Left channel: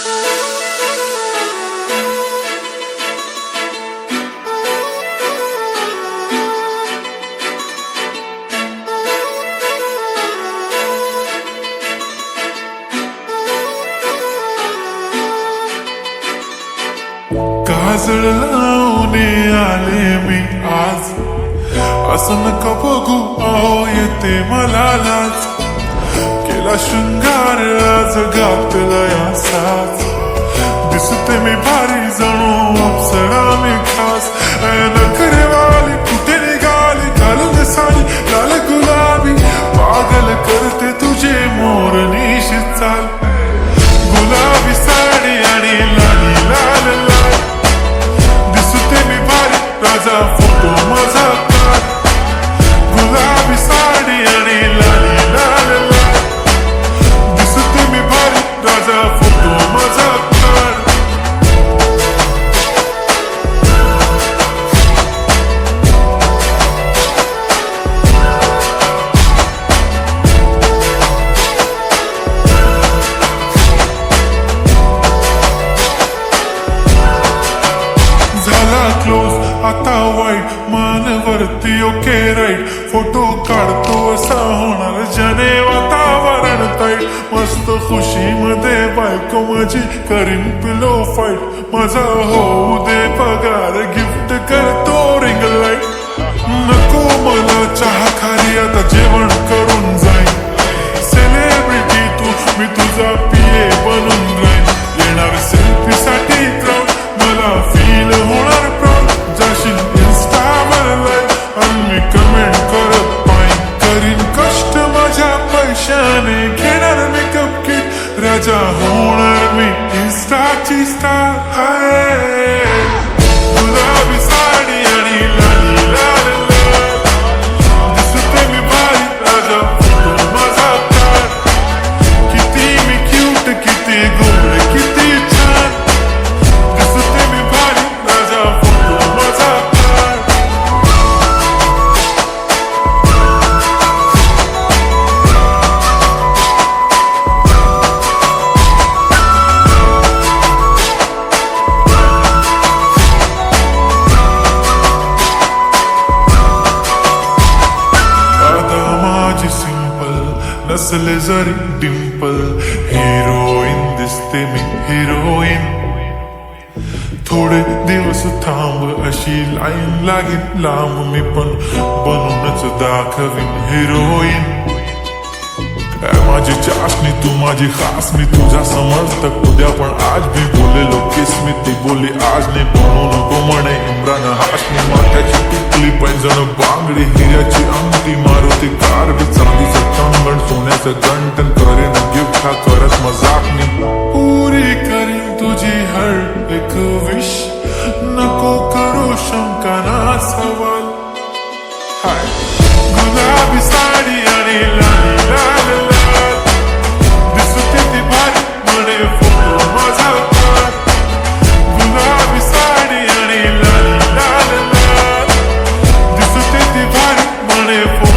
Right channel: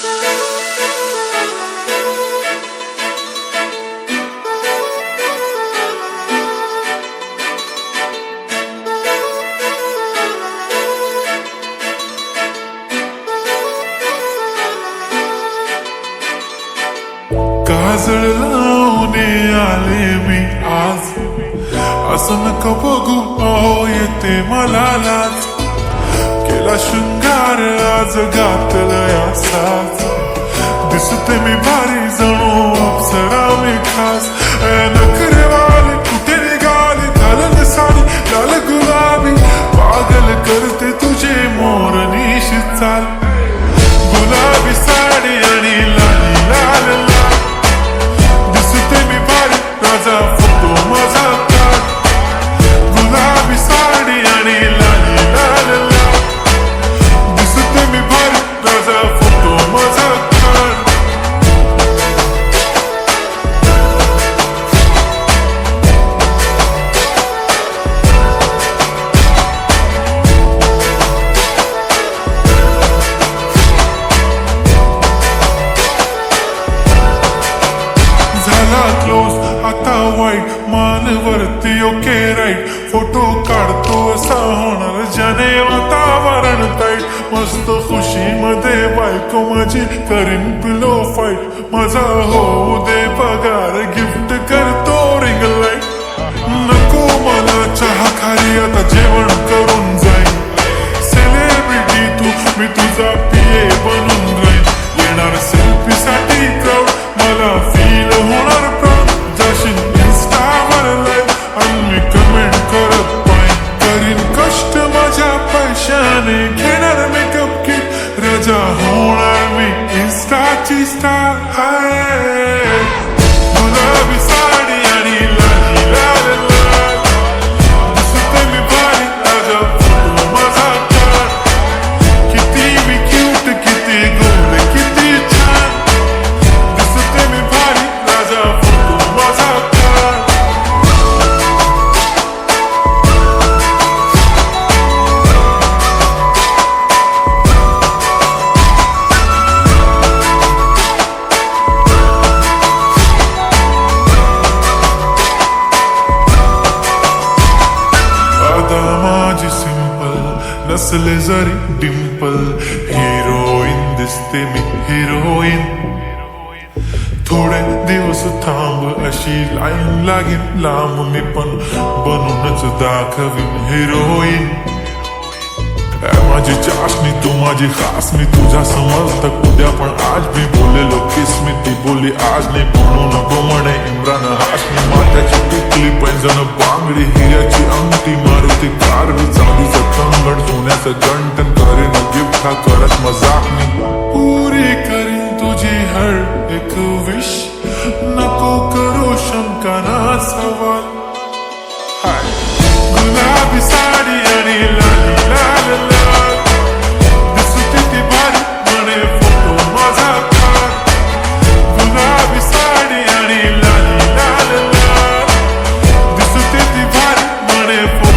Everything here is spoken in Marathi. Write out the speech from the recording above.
काजळ लावून आले मी आज, असं नका बघू अहो येते मला लाज. केला शृंगार आज घातलाय असाच, दिसते मी भारी जणू अप्सरा मी खास. नखरेवाली कुठे निघाली घालून साडी लाल गुलाबी, पागल करते तुझे मोरनीशी चाल. गुलाबी साडी आणि लाली लाल लाल, दिसते मी भारी राजा फोटो माझा काढ. गुलाबी साडी आणि लाली लाल लाल, दिसते मी भारी राजा फोटो माझा काढ. झाला क्लोज आता वाईट, मानवरती ओके राईट. फोटो काढतो असा होणार ज्याने वातावरण ताईट. मस्त खुशी मध्ये बायको माझी करीन पिलो फाईट. माझा होऊ दे पगार गिफ्ट करतो रिंग लाईट. नको मला चहा खारी आता जेवण करून जाईन. सेलिब्रिटी तू मी तुझा पिये बनून राहीन. येणार सेल्फी साठी क्राऊड मला फील होणार प्राऊड. जाशील इन्स्टावर लाईव्ह आणि मी कमेंट करत पाईन. करीन कष्ट माझ्या पैशाने घेणार मेकअप किट. राजा होणार मी इन्स्टाची स्टार. हाय गुलाबी साडी आणि लाली लाल लाल, दिसते मी भारी राजा फोटो माझा काढ. किती मी क्यूट किती गोड किती छान, दिसते मी भारी राजा फोटो माझा काढ. आता माझी सिंपल नसले जरी डिंपल, हिरोईन दिसते मी हिरोईन. थोडे दिवस थांब अशी लाईन लागेल लांब, मी पण बनूनच दाखवीन हिरोईन. माझी चाशनी तू माझी खास, मी तुझा समर्थक उद्या पण आज मी बोलेलो किस मी. ती बोली आज नाही बनू नको म्हणे इम्रान हाशमी. माथ्याची टिकली पैंजण बांगडी हिऱ्याची अंगठी, मारुती कारवी चांदीचं कंगण सोन्याचं गंटन. करीन गिफ्ट हा करत मजाक मी, पुरी करीन तुझी हर एक विश. नको करू शंका ना सवाल. हाय गुलाबी साडी आणि लाली लाल लाल, दिसते ती भारी म्हणे फोटो माझा काढ. गुलाबी साडी आणि लाली लाल लाल, दिसते ती भारी म्हणे फोटो